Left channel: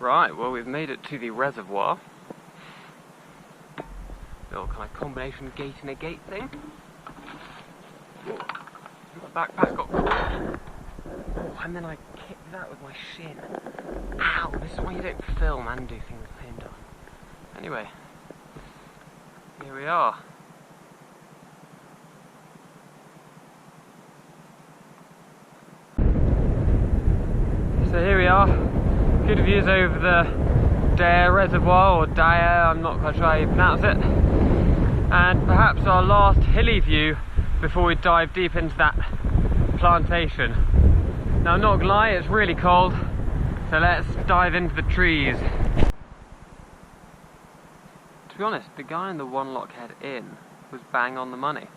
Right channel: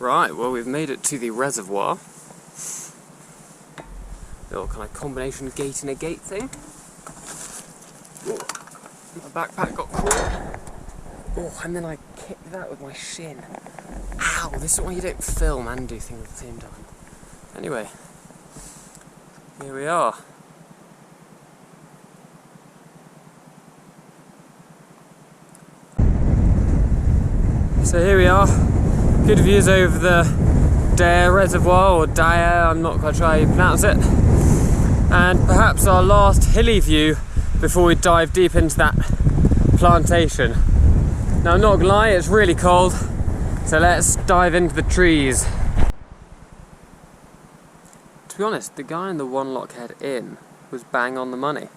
Right, well we've made it to the reservoir. Little kind of combination gate in a gate thing. Oh, my backpack got caught. Oh, and then I kicked that with my shin. Ow, this is why you don't film and do things at the same time. Anyway, here we are. So here we are. Good views over the Daer Reservoir, or Daer, I'm not quite sure how you pronounce it. And perhaps our last hilly view before we dive deep into that plantation. Now I'm not gonna lie, it's really cold, so let's dive into the trees. To be honest, the guy in the One Lockhead Inn was bang on the money.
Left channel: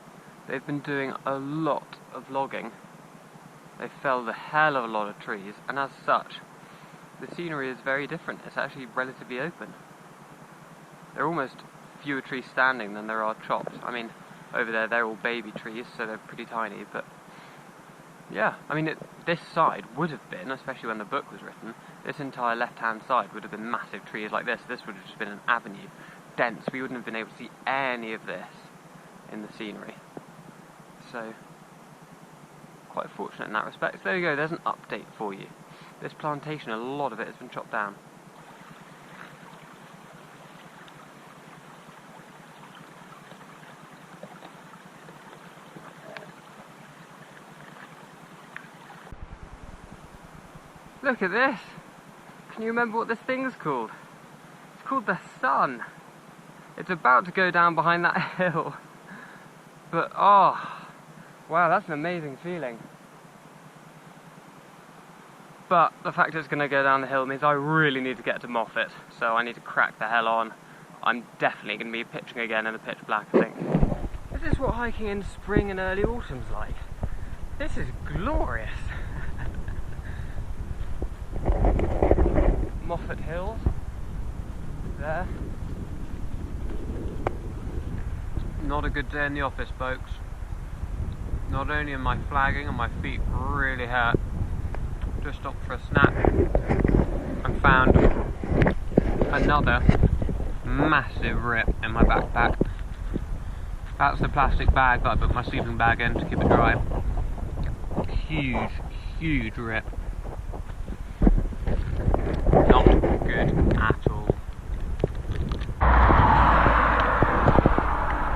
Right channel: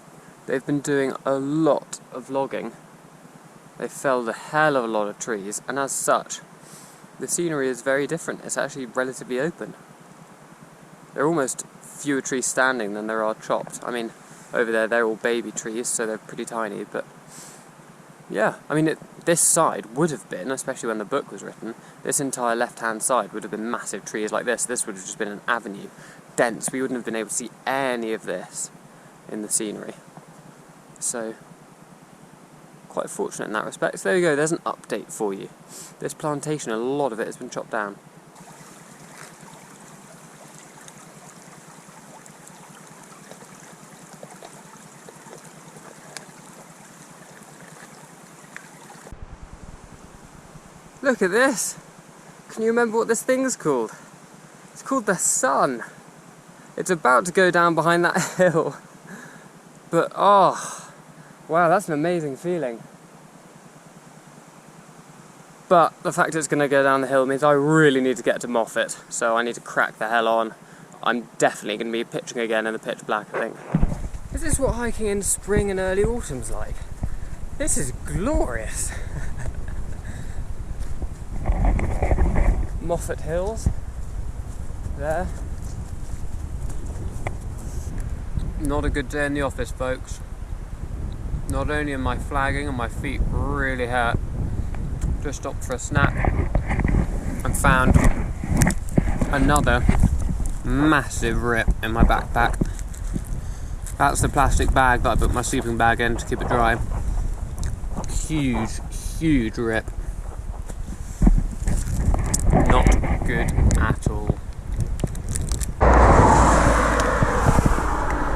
They've been doing a lot of logging. They've felled a hell of a lot of trees, and as such, the scenery is very different. It's actually relatively open. There are almost fewer trees standing than there are chopped. I mean, over there they're all baby trees, so they're pretty tiny, but yeah, I mean, this side would have been, especially when the book was written, this entire left-hand side would have been massive trees like this. This would have just been an avenue, dense. We wouldn't have been able to see any of this in the scenery. So, quite fortunate in that respect. So there you go, there's an update for you. This plantation, a lot of it has been chopped down. Look at this! Can you remember what this thing's called? It's called the sun. It's about to go down behind that hill. But oh, wow, that's an amazing feeling. But the fact it's going to go down the hill means I really need to get to Moffat, so I need to crack the hell on. I'm definitely going to be pitching again in the pitch black, I think. Is this what hiking in spring and early autumn's like? This is glorious! Moffat Hills, there. Not a good day in the office, folks. Not only am I flagging and my feet really hurt, just stopped for a snack and found another massive rip in my backpack. That's the plastic bag that I put my sleeping bag in to keep it dry. Huge, huge rip. Not good at all.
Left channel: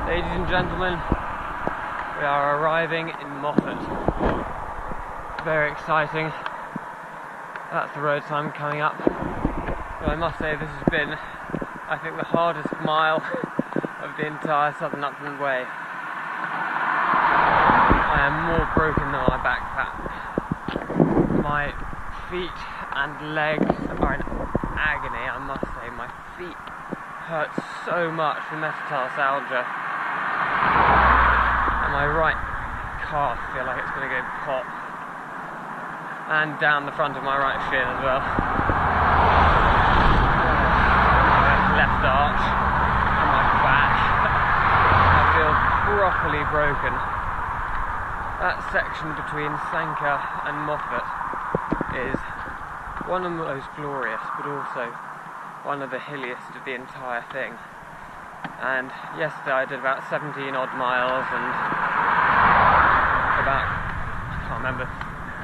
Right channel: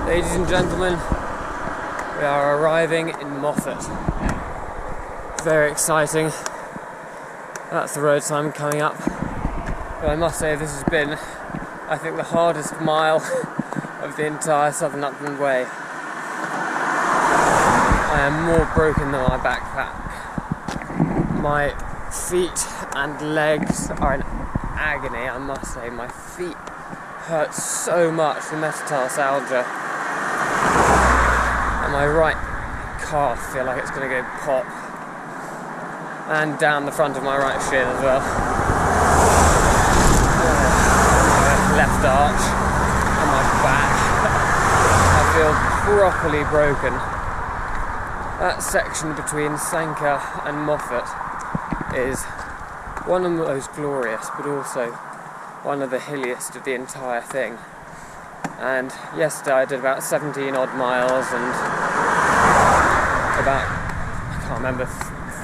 Ladies and gentlemen, we are arriving in Moffat. Very exciting. That's the road sign coming up. But I must say this has been, I think, the hardest mile of the entire Southern Upland Way. I am more broken than my backpack. My feet and legs are in agony, I must say. My feet hurt so much from metatarsalgia. And my right calf feel like it's going to go pop. And down the front of my right shin as well. Left arch and my back. I feel properly broken. That section between Selkirk and Moffat is one of the most glorious, but also one of the hilliest of the entire thing. And yesterday I did about 17 odd miles and about, I can't remember,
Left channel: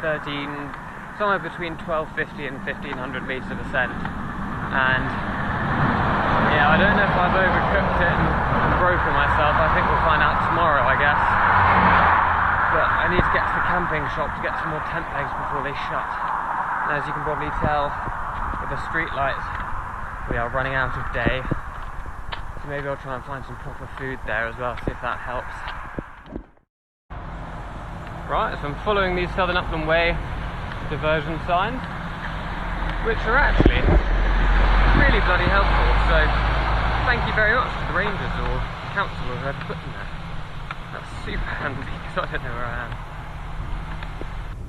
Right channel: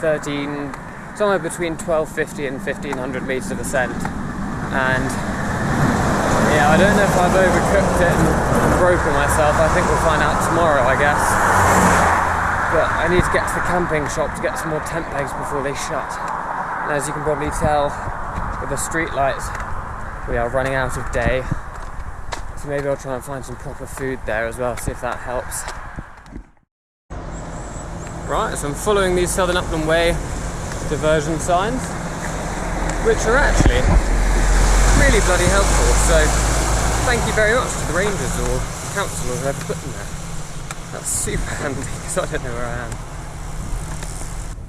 13, somewhere between 1250 and 1500 metres of ascent. And yeah, I don't know if I've overcooked it and broken myself. I think we'll find out tomorrow, I guess. But I need to get to the camping shop to get some more tent pegs before they shut. And as you can probably tell with the street lights, we are running out of day. So maybe I'll try and find some proper food there as well, see if that helps. Right, so I'm following these Southern Upland Way diversion signs, which are actually really bloody helpful. So thank you very much to the rangers or council or whoever put them there. That's super handy because I don't know where I am.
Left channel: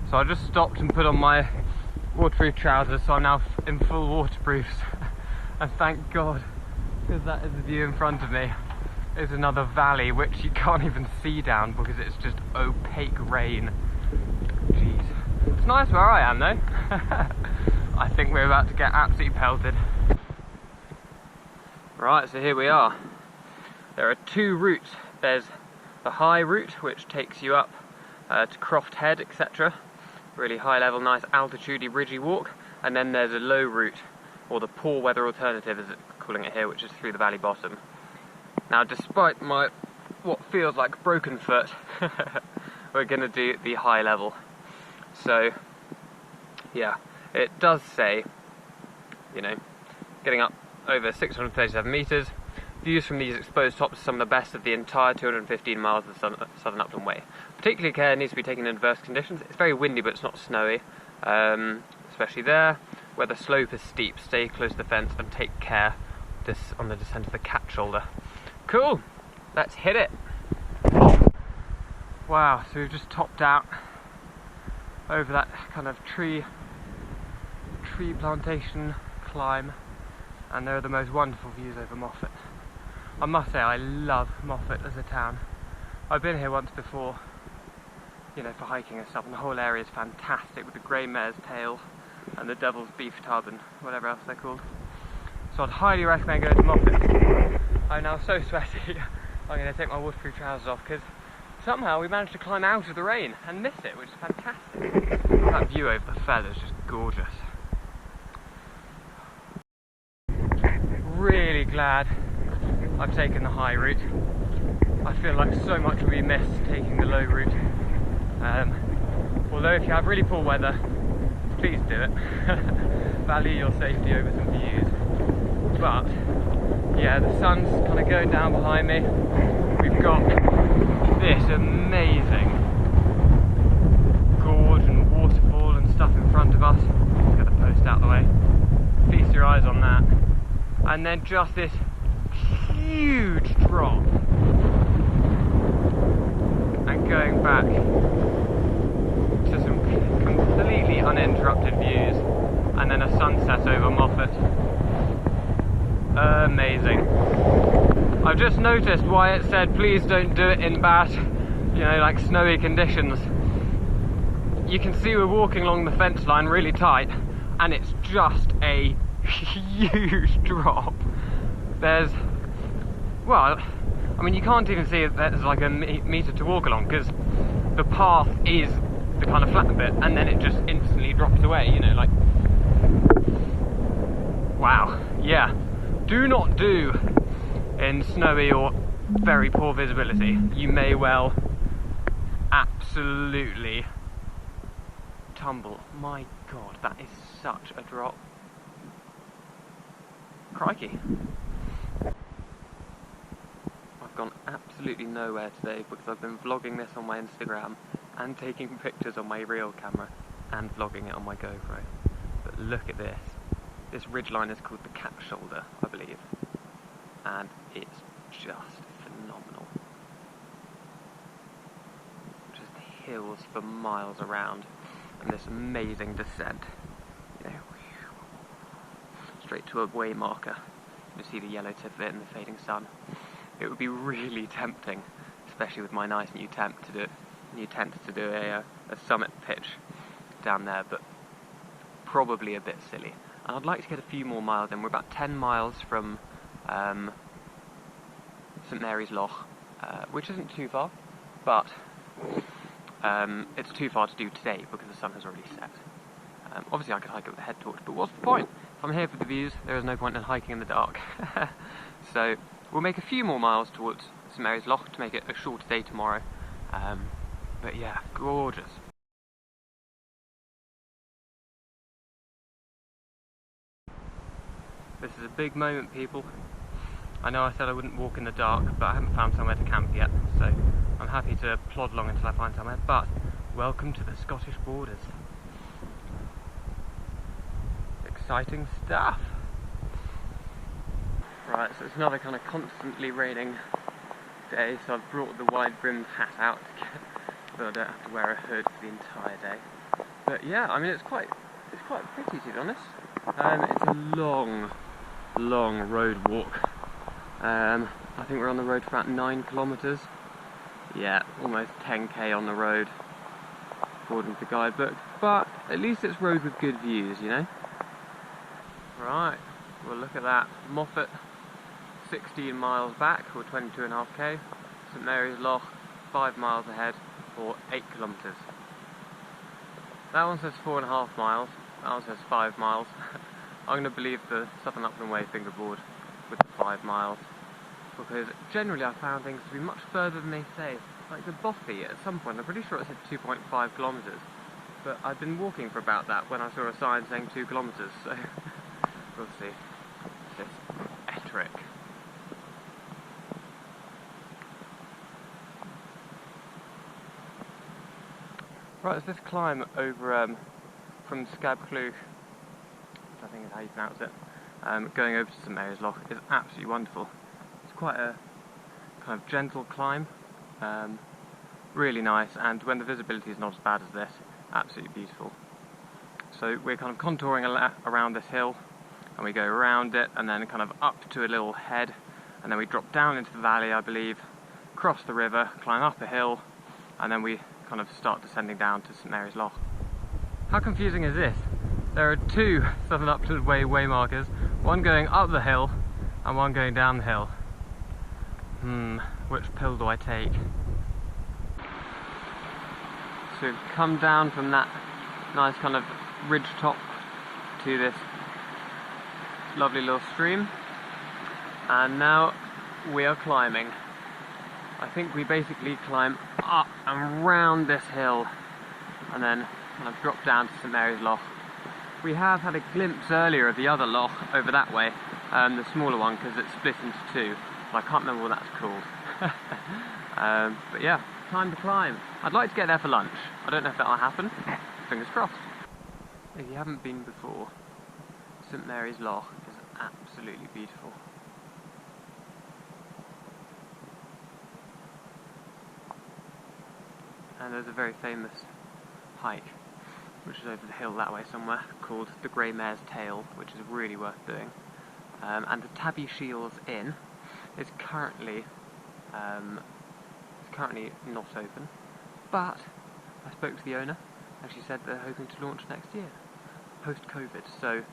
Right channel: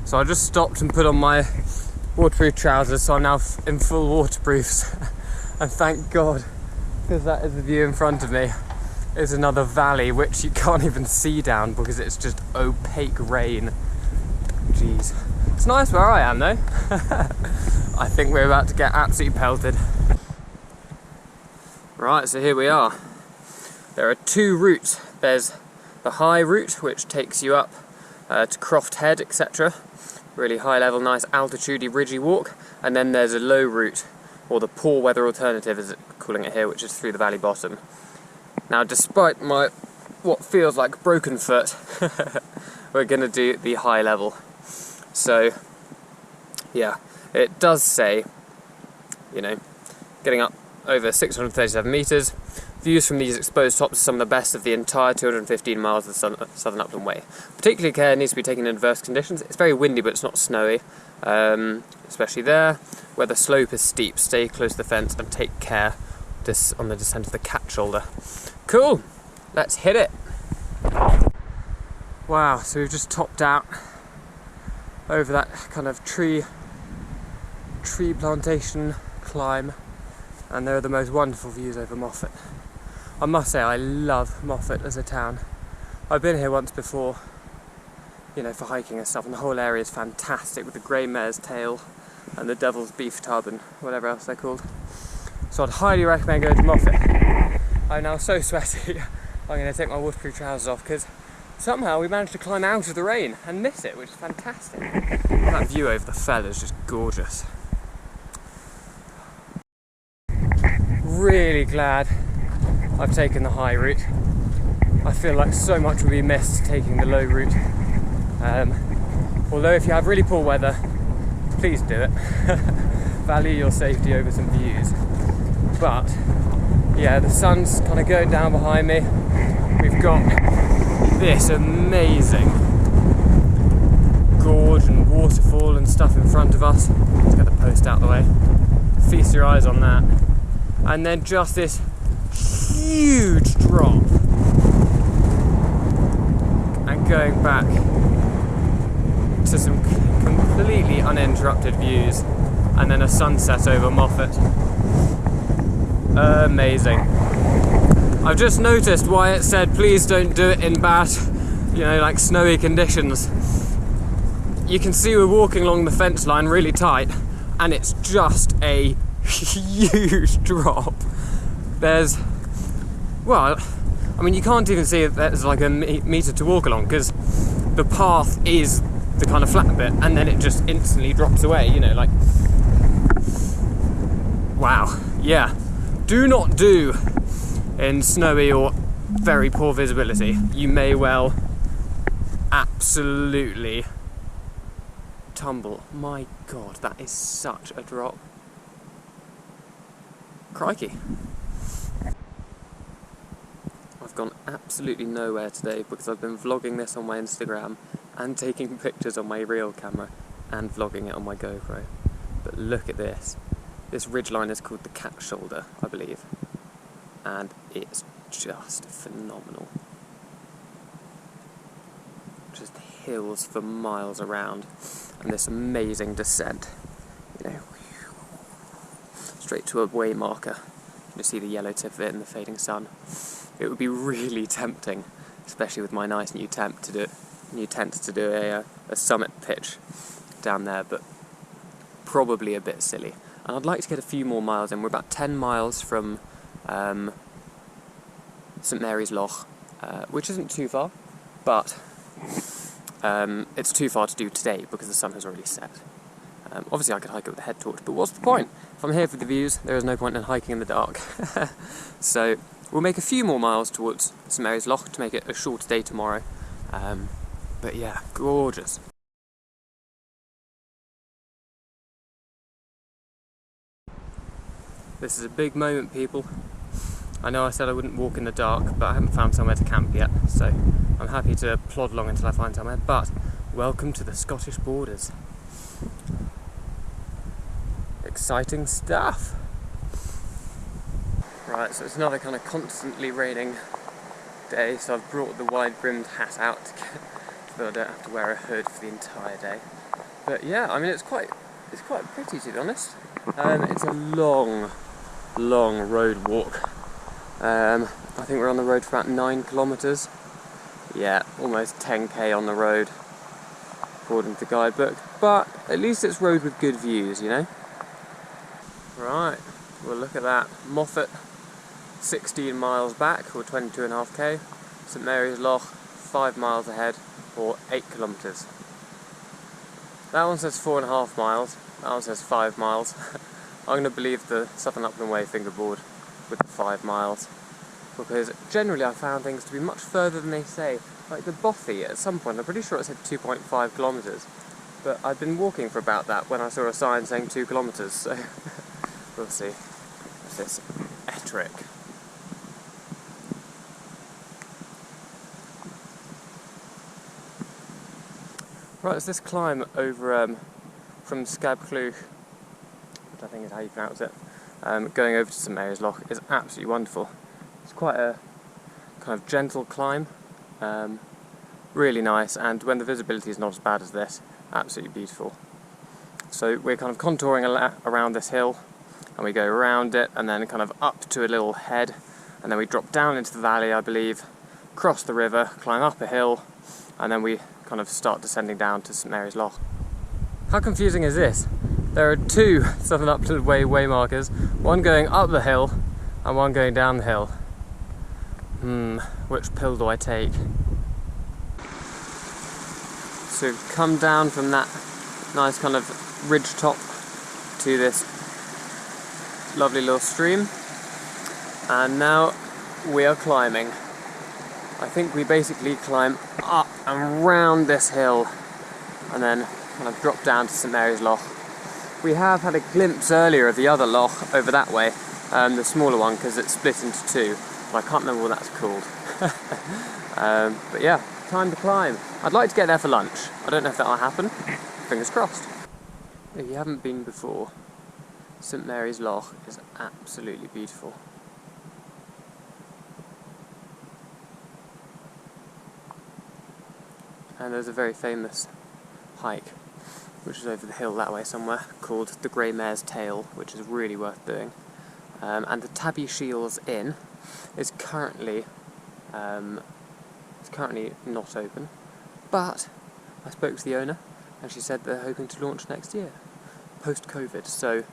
So I just stopped and put on my waterproof trousers, so I'm now in full waterproofs. And thank God, because that is the view in front of me. There's another valley which you can't even see down because it's just opaque rain. Jeez. It's nice where I am though. I think we're about to get absolutely pelted. Right, so here we are. There are two routes. There's the high route, which takes you up to Croft Head, etc. Really high level, nice altitudey, ridgy walk. And then there's a low route, or the poor weather alternative, as calling it here, which is through the valley bottom. Now, despite my what feels like broken foot, we're going to do the high level. So, yeah, it does say, you know, getting up over 637 metres. Views from these exposed tops are some of the best of the entire 215 miles of the Southern Upland Way. Particularly care needs to be taken in adverse conditions. It's very windy, but it's not snowy, especially there. Where the slope is steep, stay close to the fence and take care on the descent of the cat shoulder. Cool, let's hit it. Wow, so we've just topped out over that kind of tree plantation climb, and there are the most wonderful views over Moffat. I must say, I love Moffat as a town. I've been here once before, you know, for hiking and stuff, and the whole area is fantastic with the grey mare's tail and the devil's beef tub and whatever else they're called. So I'd highly recommend going to Moffat. I'm now so sweaty, I'm going to take my waterproof trousers off because somehow we managed to climb out of the rain and miss it, which is fantastic. That view over the fell is just gorgeous. Really glad I've taken the high route. I feel like so much will be missed taking the low route. Although if you have really poor weather, please do it. Value your safety over some views. But yeah, the sun's kind of going down behind me. We've got this amazing gorge and waterfall and stuff in front of us. Let's get the post out of the way. Feast your eyes on that. And then just this huge drop. And going back to some completely uninterrupted views. And then a sunset over Moffat. Amazing. I've just noticed why it said please don't do it in bad, you know, like snowy conditions. You can see we're walking along the fence line really tight, and it's just a huge drop. There's, well, I mean, you can't even see that there's like a metre to walk along because the path is the kind of flat bit, and then it just instantly drops away, you know, like, wow, yeah. Do not do in snowy or very poor visibility. You may well absolutely tumble. My God, that is such a drop. Crikey. I've gone absolutely nowhere today because I've been vlogging this on my Instagram and taking pictures on my reel camera and vlogging it on my GoPro. But look at this. This ridgeline is called the Cat Shoulder, I believe, and it's just phenomenal. Just hills for miles around, and this amazing descent, you know, straight to a way marker. You see the yellow tip of it in the fading sun. It would be really tempting, especially with my nice new tent, to do a summit pitch down there, but probably a bit silly. And I'd like to get a few more miles in. We're about 10 miles from St Mary's Loch, which isn't too far, but it's too far to do today because the sun has already set. Obviously I could hike it with a head torch, but what's the point? If I'm here for the views, there is no point in hiking in the dark. So we'll make a few more miles towards St Mary's Loch to make it a shorter day tomorrow. But yeah, gorgeous. This is a big moment, people. I know I said I wouldn't walk in the dark, but I haven't found somewhere to camp yet, so I'm happy to plod along until I find somewhere. But welcome to the Scottish borders. Exciting stuff. Right, so it's another kind of constantly raining day, so I've brought the wide-brimmed hat out so that I don't have to wear a hood for the entire day. But yeah, I mean, it's quite pretty, to be honest. It's a long road walk. I think we're on the road for about 9 kilometres. Yeah, almost 10k on the road, according to the guidebook. But at least it's road with good views, you know? Right, well look at that. Moffat 16 miles back, or 22.5k. St Mary's Loch 5 miles ahead, or 8 kilometres. That one says 4.5 miles, that one says 5 miles. I'm going to believe the Southern Upland Way fingerboard with the 5 miles, because generally I found things to be much further than they say. Like the Bothy, at some point, I'm pretty sure it said 2.5 kilometres, but I'd been walking for about that when I saw a sign saying 2 kilometres, so we'll see. What's this? Ettrick. Right, it's this climb over from Scabcleuch, which I think is how you pronounce it, going over to St Mary's Loch is absolutely wonderful. It's quite a kind of gentle climb, really nice, and when the visibility is not as bad as this, absolutely beautiful. So we're kind of contouring around this hill, and we go around it, and then kind of up to a little head, and then we drop down into the valley, I believe, cross the river, climb up a hill, and then we kind of start descending down to St Mary's Loch. How confusing is this? There are two Southern Upland Way waymarkers, one going up the hill and one going down the hill. Which pill do I take? So we've come down from that nice kind of ridge top to this lovely little stream, and now we are climbing. I think we basically climb up and round this hill and then kind of drop down to St Mary's Loch. We have had a glimpse earlier of the other loch over that way, the smaller one, because it's split into two. I can't remember what that's called. But yeah, time to climb. I'd like to get there for lunch. I don't know if that'll happen. Fingers crossed. If you haven't been before, St Mary's Loch is absolutely beautiful. And there's a very famous hike, which is over the hill that way somewhere, called the Grey Mare's Tail, which is really worth doing. And the Tibbie Shiels Inn is currently not open, but I spoke to the owner and she said they're hoping to launch next year, post-COVID. So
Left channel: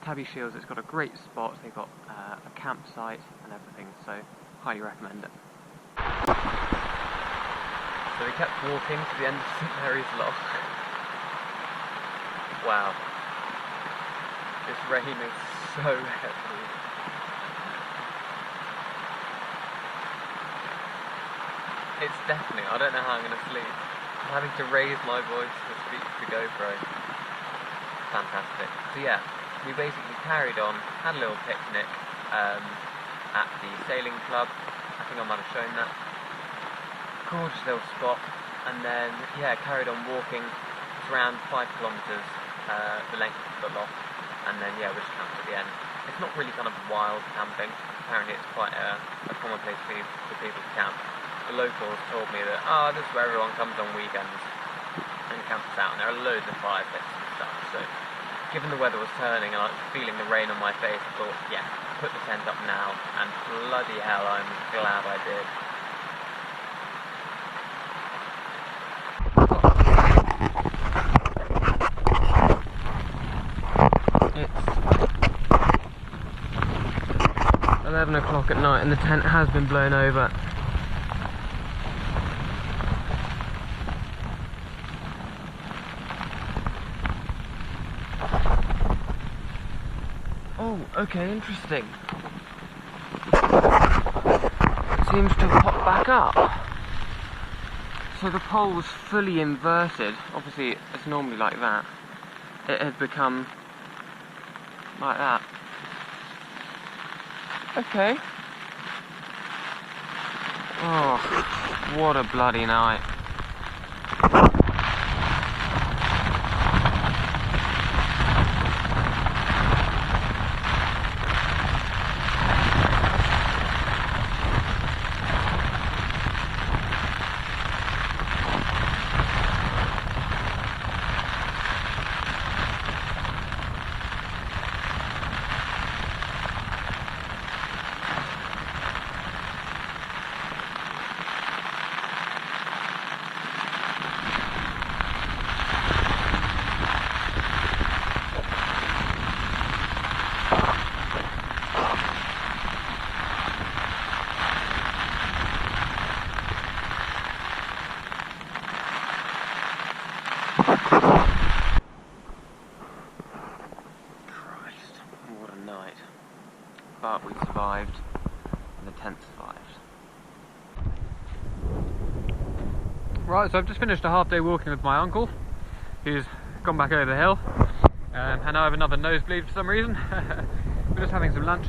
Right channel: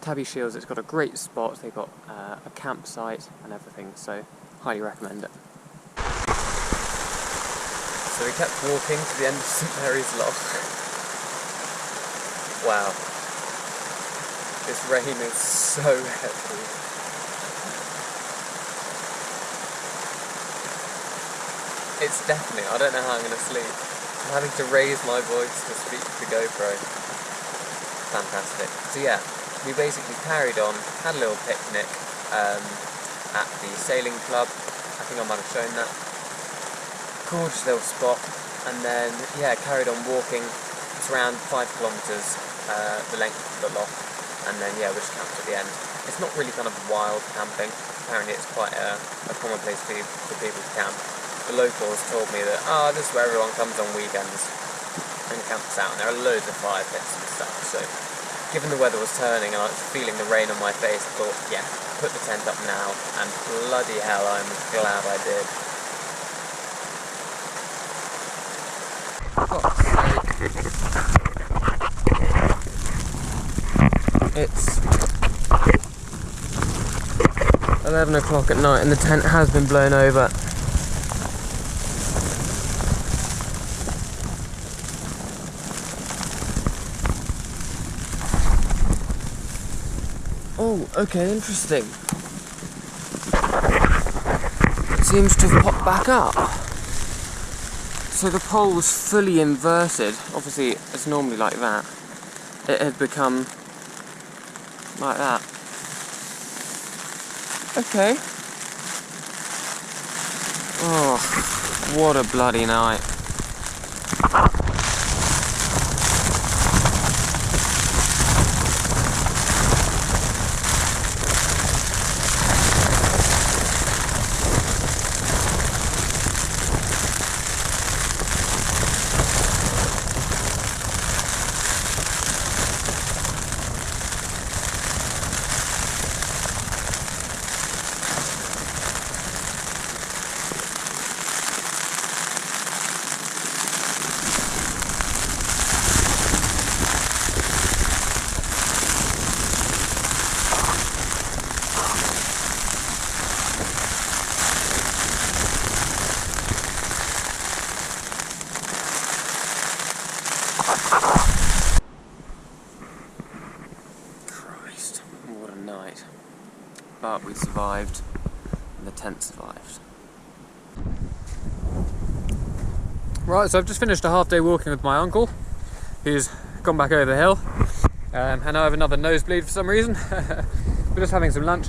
Tibbie Shiels, it's got a great spot, they've got a campsite and everything, so highly recommend it. So we kept walking to the end of St Mary's Loch. Wow. This rain is so heavy. It's deafening. I don't know how I'm going to sleep. I'm having to raise my voice to speak to the GoPro. Fantastic. So yeah, we basically carried on, had a little picnic at the sailing club. I think I might have shown that. Gorgeous little spot, and then yeah, carried on walking. It's around 5 kilometres the length of the loch, and then yeah, we just camped at the end. It's not really kind of wild camping. Apparently it's quite a common place for people to camp. The locals told me that this is where everyone comes on weekends and camps out, and there are loads of fire pits and stuff. So given the weather was turning and I was feeling the rain on my face, I thought, yeah, put the tent up now, and bloody hell, I'm glad I did. It's 11 o'clock at night and the tent has been blown over. Oh, okay, interesting. It seems to have popped back up. So the pole was fully inverted. Obviously, it's normally like that. It had become like that. Okay. Oh, what a bloody night. but we survived, and the tent survived. Right, so I've just finished a half-day walking with my uncle, who's gone back over the hill, and now I have another nosebleed for some reason. We're just having some lunch,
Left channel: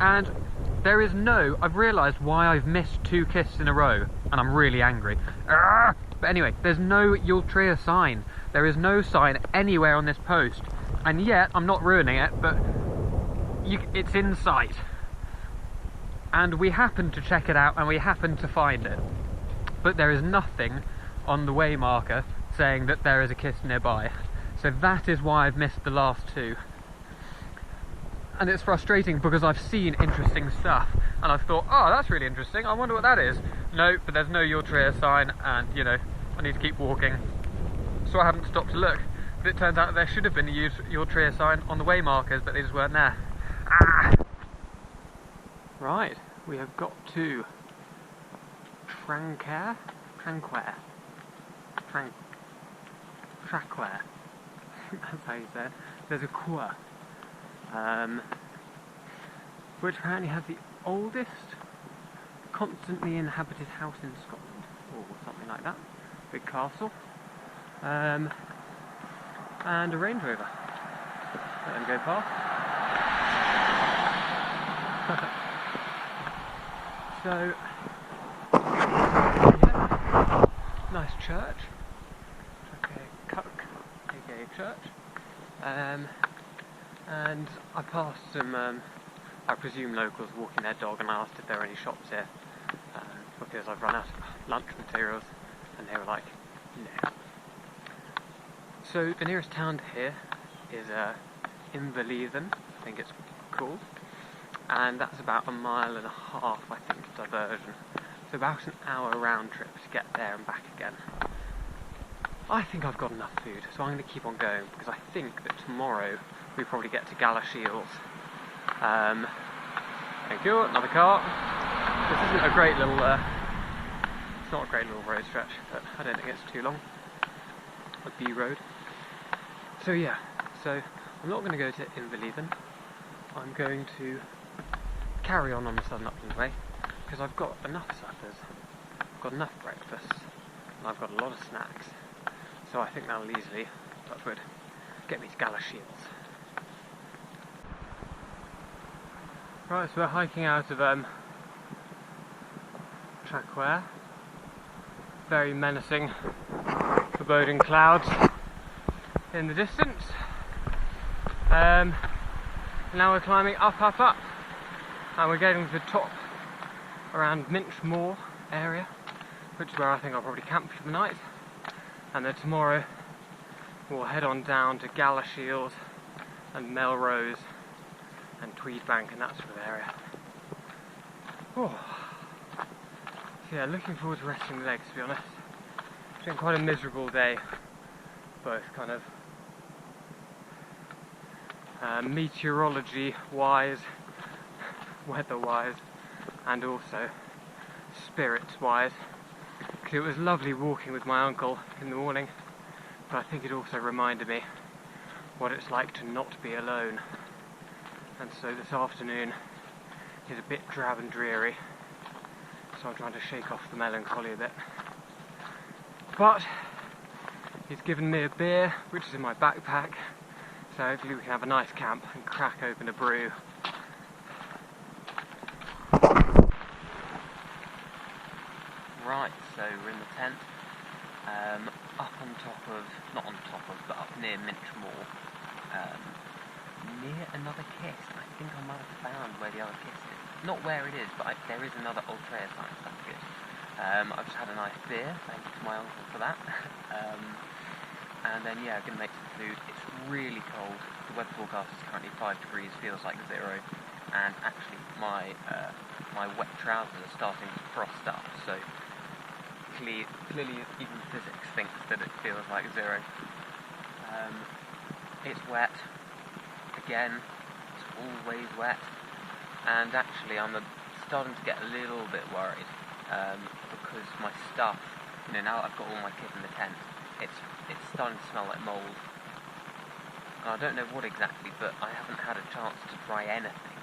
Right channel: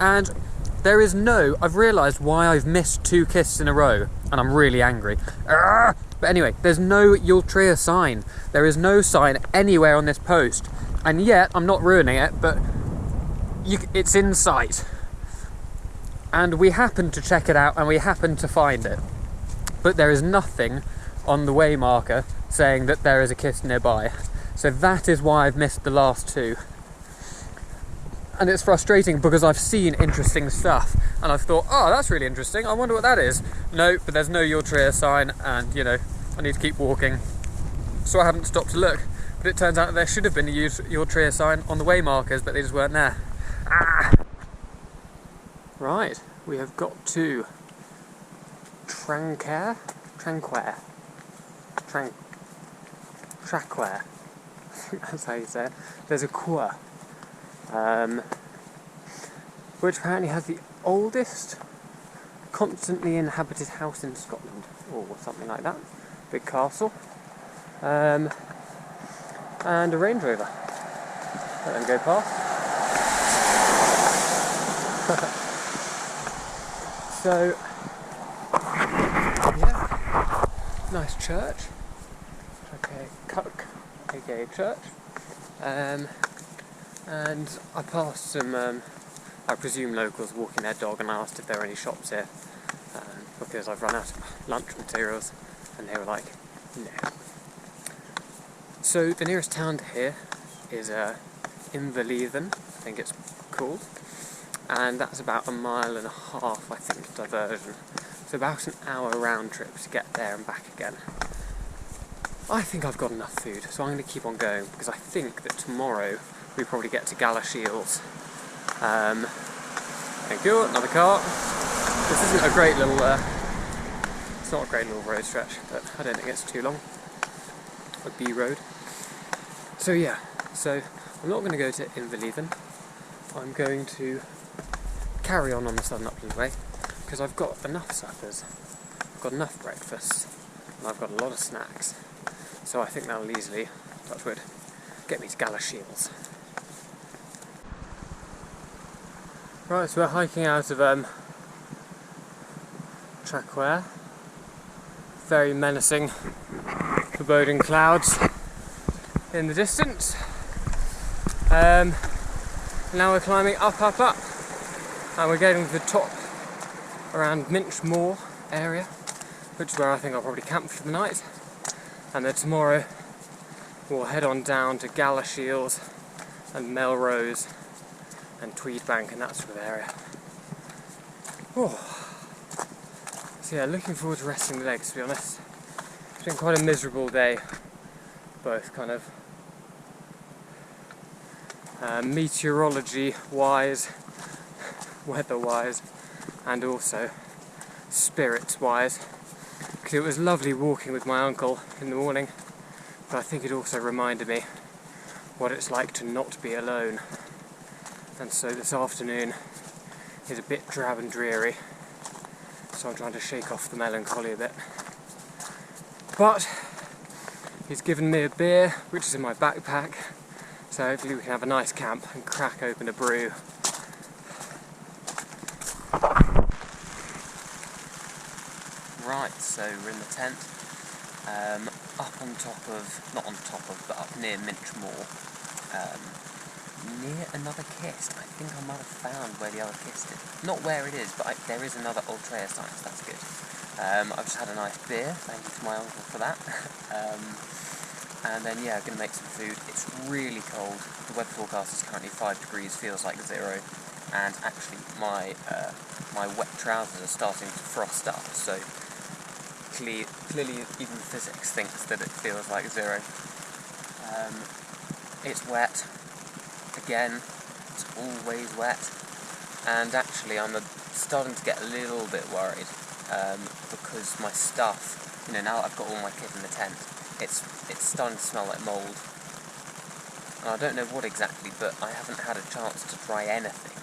and there is I've realised why I've missed 2 kists in a row, and I'm really angry. But anyway, there's no Ultria sign. There is no sign anywhere on this post, and yet, I'm not ruining it, but it's in sight. And we happened to check it out, and we happened to find it. But there is nothing on the way marker saying that there is a kist nearby. So that is why I've missed the last 2. And it's frustrating because I've seen interesting stuff and I've thought, oh, that's really interesting, I wonder what that is. No, but there's no Ultria sign, and you know, I need to keep walking. So I haven't stopped to look, but it turns out that there should have been a Ultria sign on the way markers, but they just weren't there. Right, we have got to Traquair. I think that's how you say it. There's a quair, which apparently has the oldest constantly inhabited house in Scotland, or something like that. Big castle, and a Range Rover. Let them go past. So, yeah, nice church. aka church, and I passed some, I presume locals walking their dog, and I asked if there were any shops here, because I've run out of lunch materials, and they were like, no. So the nearest town to here is Inverleithen, I think it's called, and that's about 1.5 miles, I think, diversion. So about an hour round trip to get there and back again. I think I've got enough food, so I'm going to keep on going, because I think that tomorrow we probably get to Galashiels. Thank you, another car. This isn't a great little, it's not a great little road stretch, but I don't think it's too long. A B road. So yeah, so I'm not going to go to Inverleithen. I'm going to carry on the Southern Upland way, because I've got enough suppers, I've got enough breakfasts, and I've got a lot of snacks. So I think that'll easily, touch wood, get me to Galashiels. Right, so we're hiking out of Traquair. Very menacing, foreboding clouds in the distance. Now we're climbing up, and we're getting to the top around Mel Moor area, which is where I think I'll probably camp for the night. And then tomorrow we'll head on down to Galashiels and Melrose and Tweedbank and that sort of area. Oh. So yeah, looking forward to resting the legs, to be honest. It's been quite a miserable day, both kind of meteorology-wise, weather-wise, and also spirits-wise. Because it was lovely walking with my uncle in the morning, but I think it also reminded me what it's like to not be alone. And so this afternoon is a bit drab and dreary, so I'm trying to shake off the melancholy a bit. But he's given me a beer, which is in my backpack, so hopefully we can have a nice camp and crack open a brew. Right, so we're in the tent, up on top of, not on top of, but up near Mel Moor, near another kist. I think I might have found where the other kist is. Not where it is, but there is another Ultria sign, so that's good. I've just had a nice beer, thank you to my uncle for that. And then yeah, I'm going to make some food. It's really cold. The weather forecast is currently 5 degrees, feels like 0. And actually my wet trousers are starting to frost up, so clearly even physics thinks that it feels like 0. It's wet. Again, it's always wet. And actually I'm starting to get a little bit worried, because my stuff, you know, now that I've got all my kit in the tent, it's starting to smell like mould. And I don't know what exactly, but I haven't had a chance to try anything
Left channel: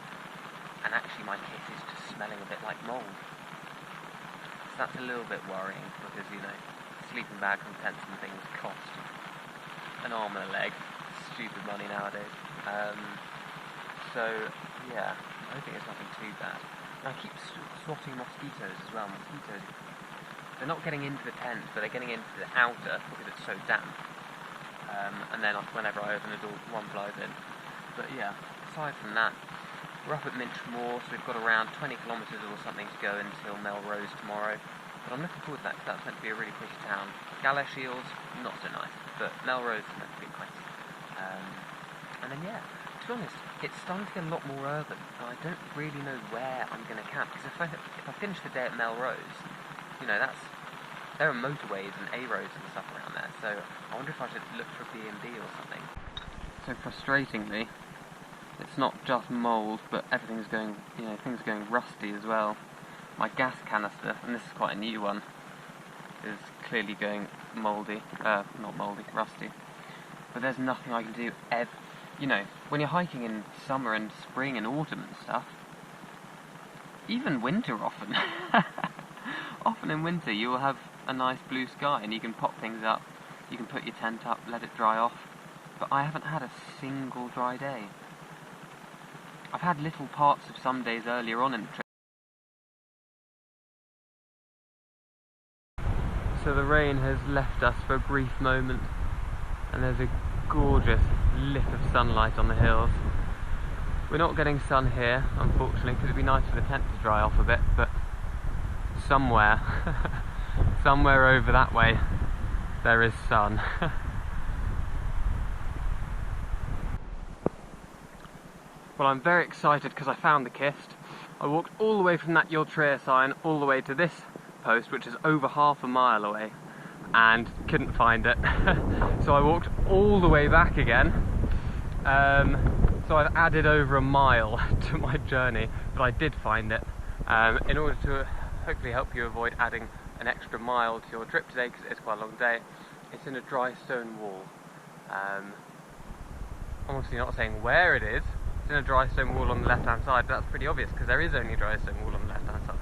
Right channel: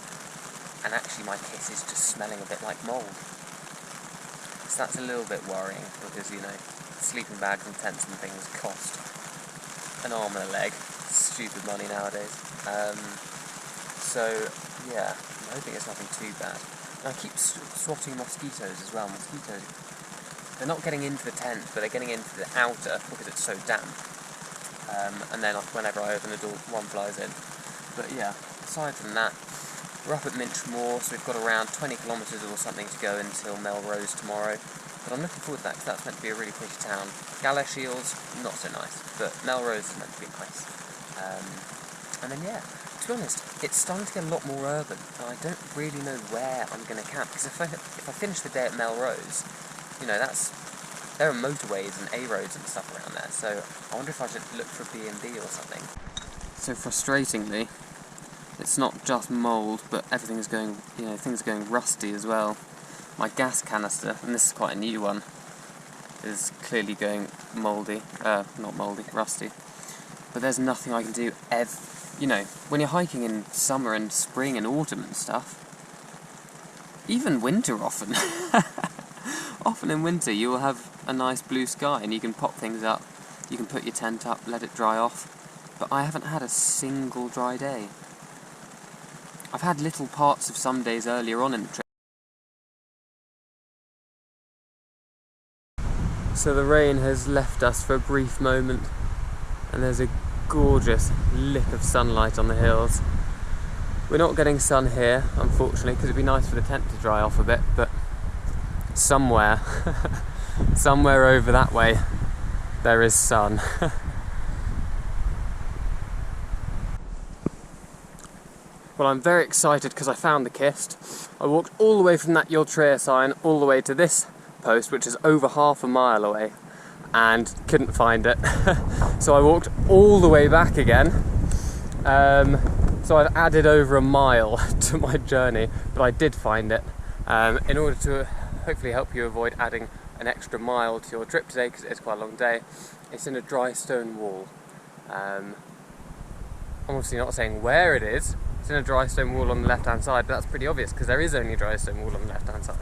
and actually my kit is just smelling a bit like mould. So that's a little bit worrying, because, you know, sleeping bags and tents and things cost an arm and a leg. Stupid money nowadays. So, yeah, I'm hoping it's nothing too bad. And I keep swatting mosquitoes as well. Mosquitoes, they're not getting into the tent, but they're getting into the outer because it's so damp. And then whenever I open the door, one flies in. But yeah, aside from that, we're up at Moor, so we've got around 20 kilometres or something to go until Melrose tomorrow. But I'm looking forward to that, because that's meant to be a really pretty town. Galashiels, not so nice, but Melrose is meant to be nice. And then yeah, to be honest, it's starting to get a lot more urban, and I don't really know where I'm going to camp, because if I finish the day at Melrose, you know, there are motorways and A-roads and stuff around there, so I wonder if I should look for B&B or something. So frustratingly, it's not just mould, but everything is going, you know, things are going rusty as well. My gas canister, and this is quite a new one, is clearly going mouldy, not mouldy, rusty. But there's nothing I can do you know, when you're hiking in summer and spring and autumn and stuff, even winter often, often in winter you will have a nice blue sky and you can pop things up, you can put your tent up, let it dry off, but I haven't had a single dry day. I've had little parts of some days earlier on in the trip. So the rain has left us for a brief moment, and there's a gorgeous lick of sunlight on the hills. We're not getting sun here, unfortunately, because it'd be nice for the tent to dry off a bit, but somewhere, somewhere over that way, there is sun. Well, I'm very excited because I found the kist. I walked all the way from that Traquair sign all the way to this post, which is over half a mile away, and couldn't find it. So I walked all the way back again. So I've added over a mile to my journey, but I did find it. In order to hopefully help you avoid adding an extra mile to your trip today, because it's quite a long day, it's in a dry stone wall. I'm obviously not saying where it is. It's in a dry stone wall on the left hand side, but that's pretty obvious because there is only a dry stone wall on the left hand side.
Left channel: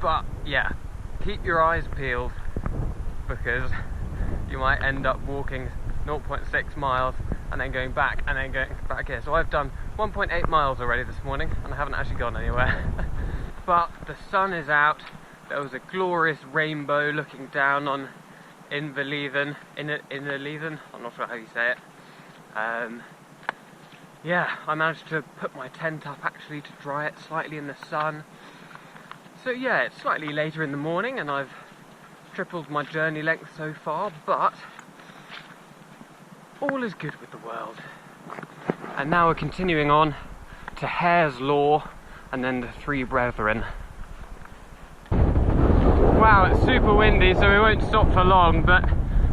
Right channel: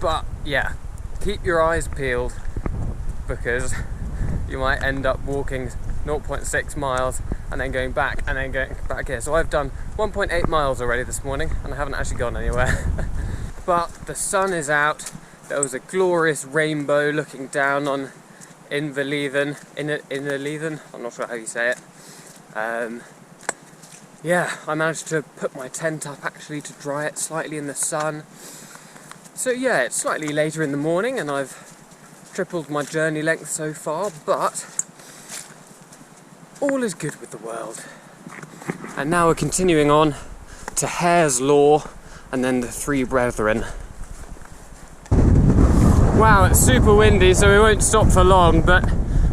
But yeah, keep your eyes peeled, because you might end up walking 0.6 miles and then going back and then going back here. So I've done 1.8 miles already this morning and I haven't actually gone anywhere. But the sun is out. There was a glorious rainbow looking down on Inverleithen, I'm not sure how you say it. Yeah, I managed to put my tent up actually to dry it slightly in the sun. So yeah, it's slightly later in the morning and I've tripled my journey length so far, but all is good with the world. And now we're continuing on to Hare's Law and then the Three Brethren. Wow, it's super windy, so we won't stop for long, but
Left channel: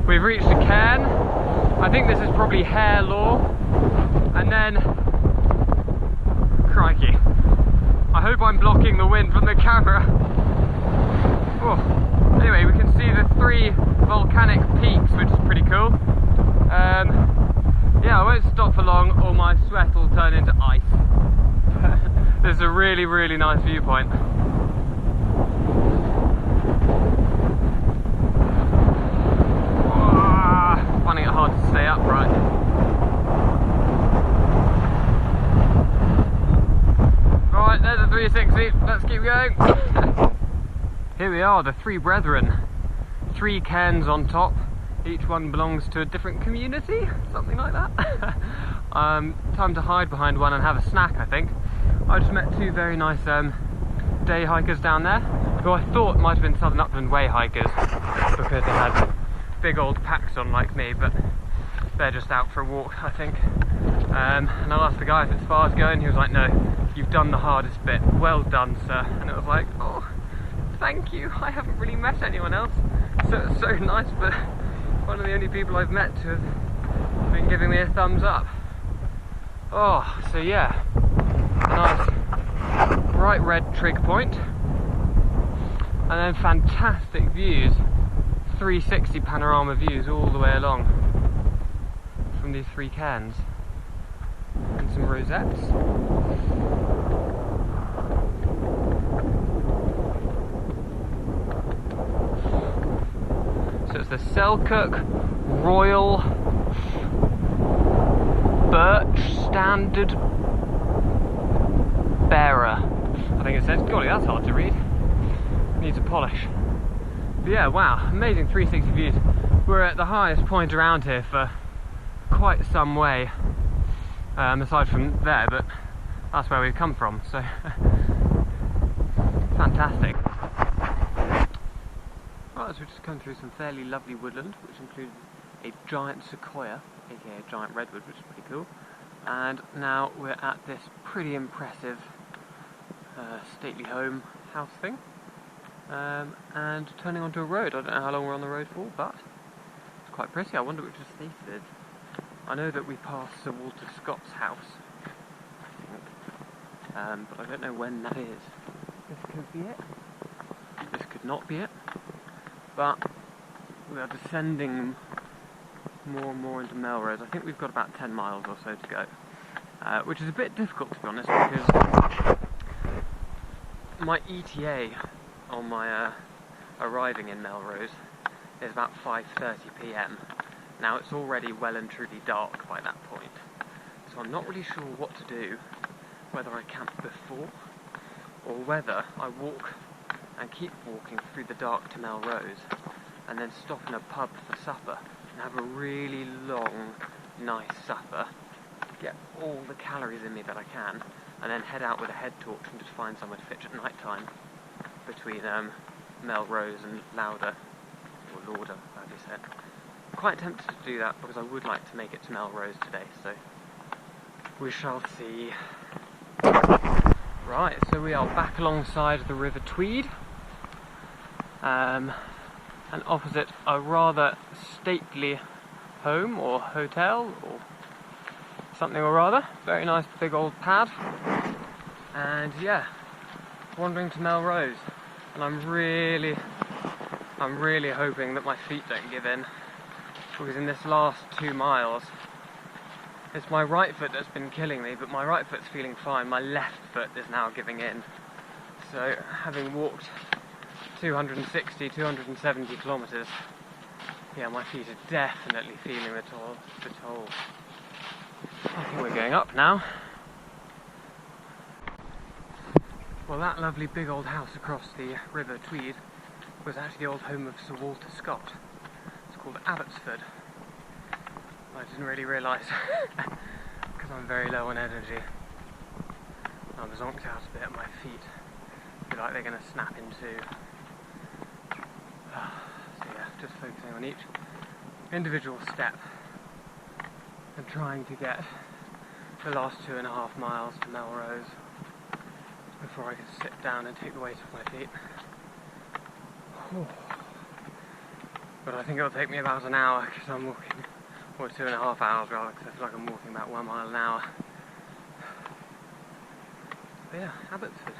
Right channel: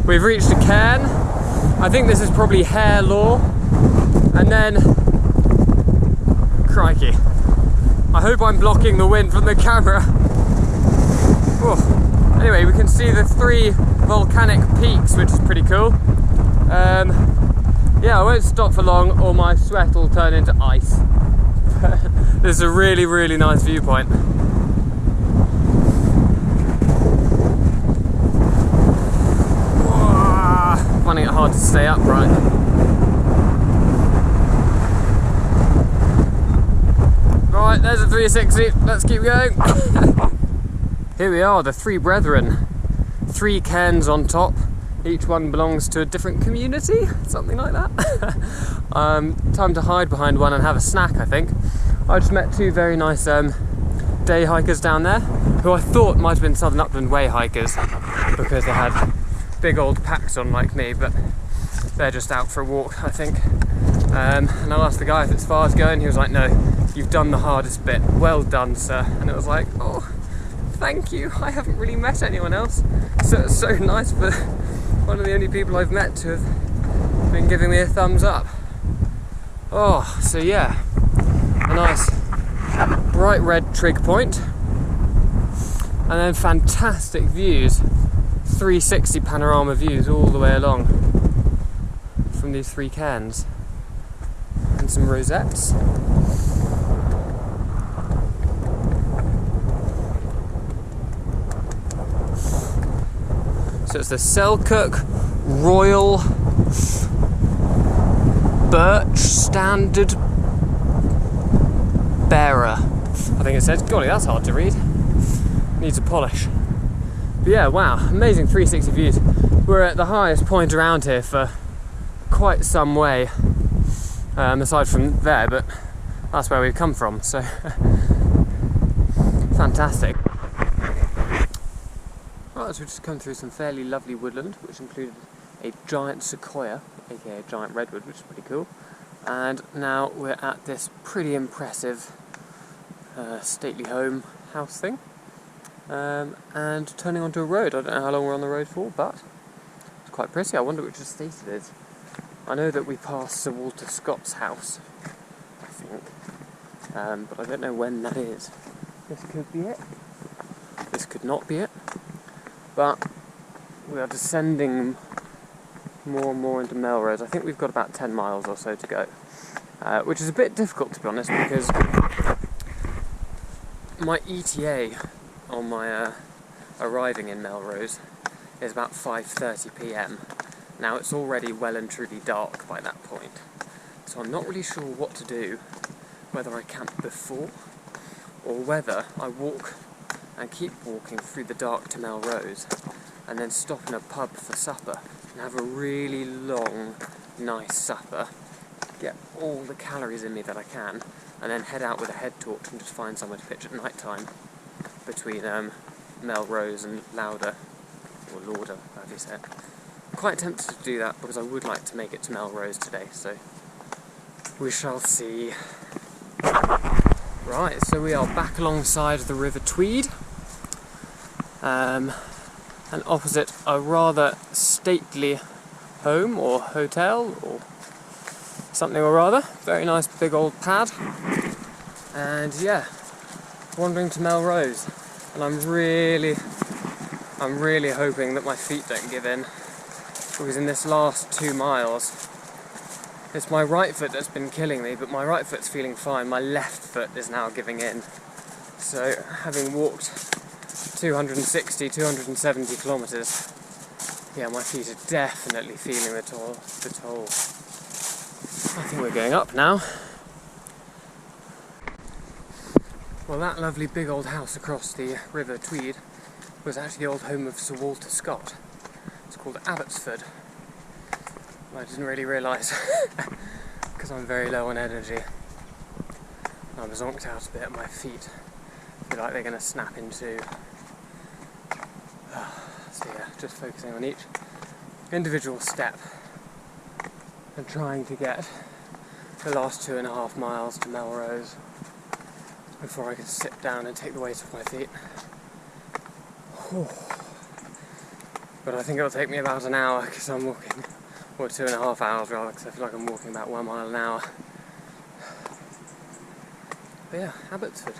we've reached a cairn. I think this is probably Hare Law. And then, crikey, I hope I'm blocking the wind from the camera. Whoa. Anyway, we can see the 3 volcanic peaks, which is pretty cool. Yeah, I won't stop for long or my sweat will turn into ice. This is a really, really nice viewpoint. Whoa, finding it hard to stay upright. Alright, there's a 360, let's keep going. Here we are, the Three Brethren. 3 cairns on top, each one belongs to a different community, something like that. Time to hide behind one and have a snack, I think. I just met 2 very nice day hikers down there, who I thought might have been Southern Upland Way hikers, because they had big old packs on like me, but they're just out for a walk, I think. And I asked the guy if it's far to go, and he was like, no, you've done the hardest bit, well done, sir. And it was like, oh, thank you, I haven't really met anyone else. So it's so nice for one of the only people I've met to have been giving me a thumbs up. Oh, so yeah, a nice bright red trig point, and then fantastic views, 360 panorama views all the way along from these 3 cairns, and some rosettes. So it's the Selkirk Royal Birch Standard Bearer. I think it says. Golly, that's hard to read. Needs a polish. But yeah, wow, amazing 360 views. We're at the highest point around here for quite some way, aside from there, but that's where we've come from, so fantastic. Right, so we've just come through some fairly lovely woodland, which included a giant sequoia, aka a giant redwood, which is pretty cool. And now we're at this pretty impressive stately home house thing. And turning onto a road. I don't know how long we're on the road for, but it's quite pretty. I wonder which estate it is. I know that we passed Sir Walter Scott's house, I think, but I don't know when that is. This could be it. This could not be it. But we are descending more and more into Melrose. I think we've got about 10 miles or so to go, which is a bit difficult, to be honest, because my ETA on my arriving in Melrose is about 5:30 p.m. Now it's already well and truly dark by that point, so I'm not really sure what to do, whether I camp before or whether I walk and keep walking through the dark to Melrose and then stop in a pub for supper and have a really long, nice supper, get all the calories in me that I can, and then head out with a head torch and just find somewhere to pitch at night time between Melrose and Lauder, or Lauder, as you said. I'm quite tempted to do that because I would like to make it to Melrose today, so we shall see. Right, so we are back alongside the River Tweed, and opposite a rather stately home or hotel or something or other. Very nice big old pad, and yeah, wandering to Melrose, and I'm really hoping that my feet don't give in, because in this last 2 miles it's my right foot that's been killing me, but my right foot's feeling fine. My left foot is now giving in. So having walked 260, 270 kilometres, yeah, my feet are definitely feeling the toll. I think we're going up now. Well, that lovely big old house across the River Tweed was actually the old home of Sir Walter Scott. It's called Abbotsford. I didn't really realise, because I'm very low on energy. I was zonked out a bit at my feet. I feel like they're going to snap in two. So yeah, just focusing on each individual step and trying to get the last 2.5 miles to Melrose before I can sit down and take the weight off my feet. But I think it'll take me about an hour, because I'm walking, or 2.5 hours rather, because I feel like I'm walking about 1 mile an hour. But yeah, Abbotsford.